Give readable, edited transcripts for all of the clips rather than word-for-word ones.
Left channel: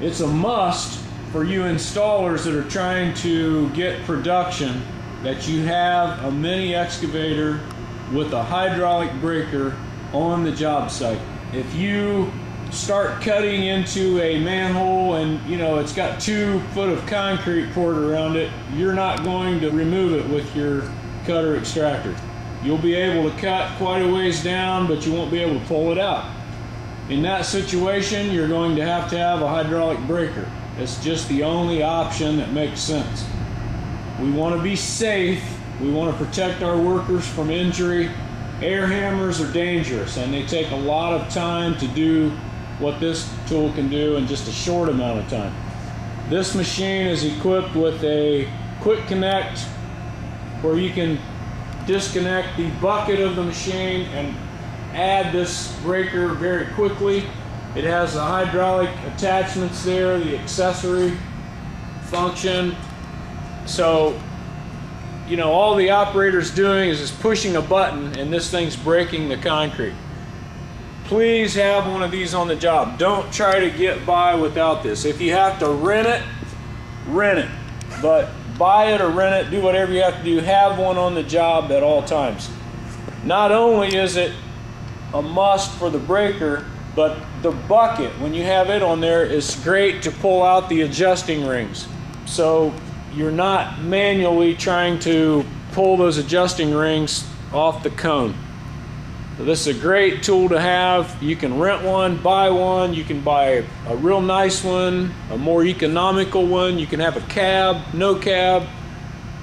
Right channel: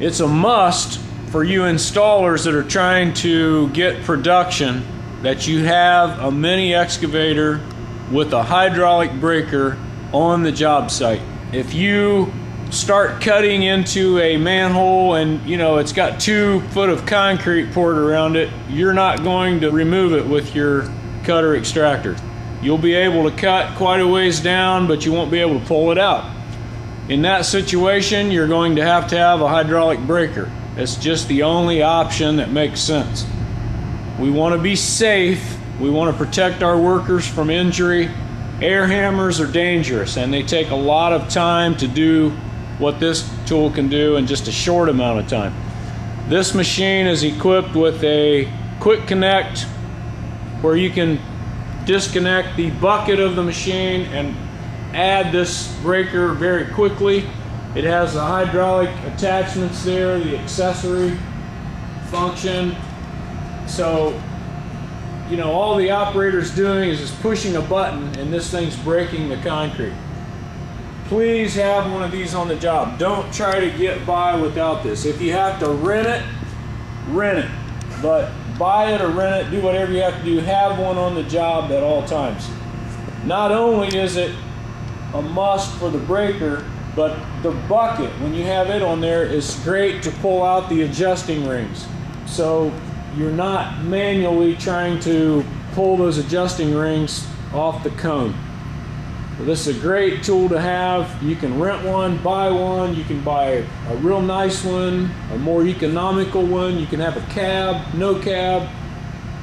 It's a must for you installers that are trying to get production that you have a mini excavator with a hydraulic breaker on the job site. If you start cutting into a manhole and it's got 2 foot of concrete poured around it, you're not going to remove it with your cutter extractor. You'll be able to cut quite a ways down, but you won't be able to pull it out. In that situation, you're going to have a hydraulic breaker. It's just the only option that makes sense. We want to be safe. We want to protect our workers from injury. Air hammers are dangerous, and they take a lot of time to do what this tool can do in just a short amount of time. This machine is equipped with a quick connect where you can disconnect the bucket of the machine and add this breaker very quickly. It has the hydraulic attachments there, the accessory function. So all the operator's doing is just pushing a button and this thing's breaking the concrete. Please have one of these on the job. Don't try to get by without this. If you have to rent it, rent it. But buy it or rent it, do whatever you have to do. Have one on the job at all times. Not only is it a must for the breaker, but the bucket, when you have it on there, is great to pull out the adjusting rings. So you're not manually trying to pull those adjusting rings off the cone. So this is a great tool to have. You can rent one, buy one. You can buy a real nice one, a more economical one. You can have a cab, no cab.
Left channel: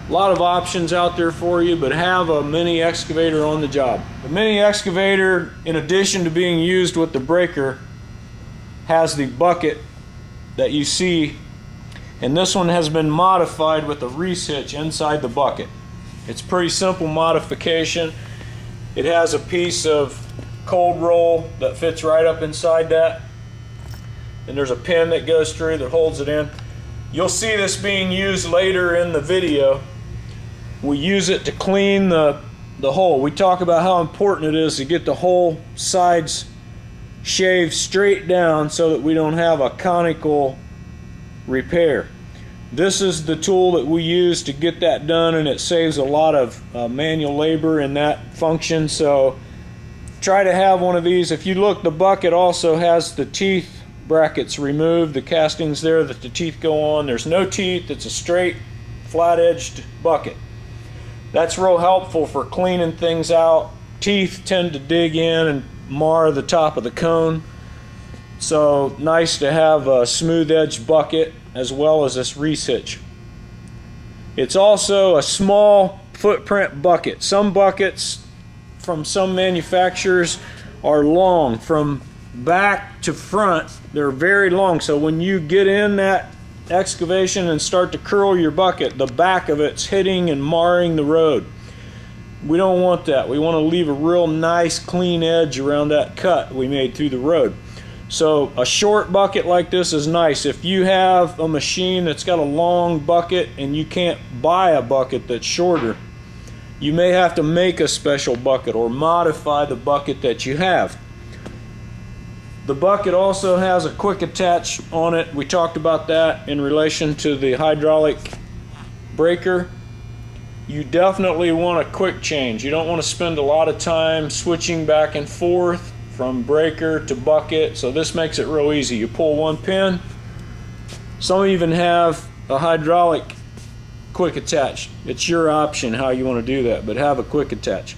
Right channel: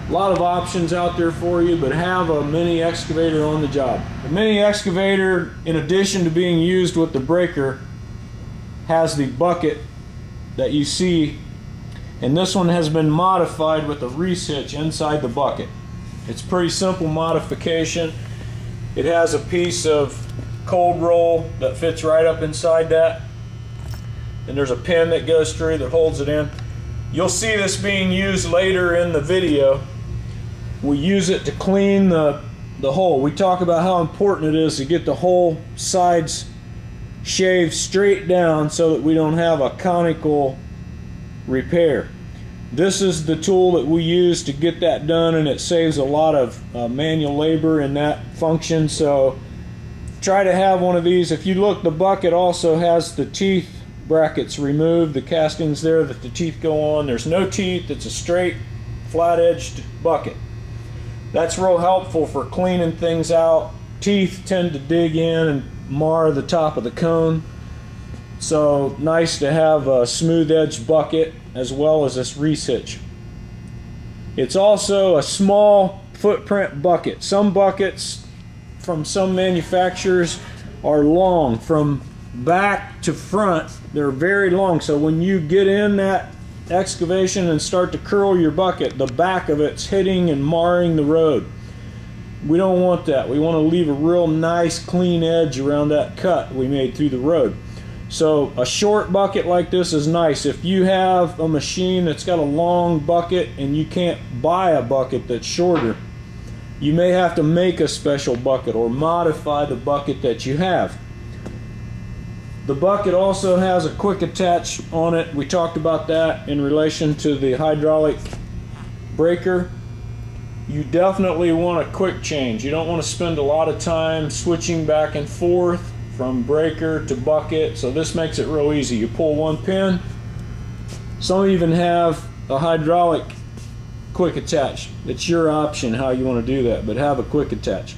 A lot of options out there for you, but have a mini excavator on the job. The mini excavator, in addition to being used with the breaker, has the bucket that you see, and this one has been modified with a reese hitch inside the bucket. It's a pretty simple modification. It has a piece of cold roll that fits right up inside that, and there's a pin that goes through that holds it in. You'll see this being used later in the video. We use it to clean the hole. We talk about how important it is to get the whole sides shaved straight down so that we don't have a conical repair. This is the tool that we use to get that done, and it saves a lot of manual labor in that function. So try to have one of these. If you look, the bucket also has the teeth brackets removed, the castings there that the teeth go on. There's no teeth. It's a straight flat-edged bucket. That's real helpful for cleaning things out. Teeth tend to dig in and mar the top of the cone. So nice to have a smooth edged bucket as well as this reese hitch. It's also a small footprint bucket. Some buckets from some manufacturers are long from back to front. They're very long, so when you get in that excavation and start to curl your bucket, the back of it's hitting and marring the road. We don't want that. We want to leave a real nice clean edge around that cut we made through the road. So a short bucket like this is nice. If you have a machine that's got a long bucket and you can't buy a bucket that's shorter, you may have to make a special bucket or modify the bucket that you have. The bucket also has a quick attach on it. We talked about that in relation to the hydraulic breaker. You definitely want a quick change. You don't want to spend a lot of time switching back and forth from breaker to bucket, so this makes it real easy. You pull one pin. Some even have a hydraulic quick attach. It's your option how you want to do that, but have a quick attach.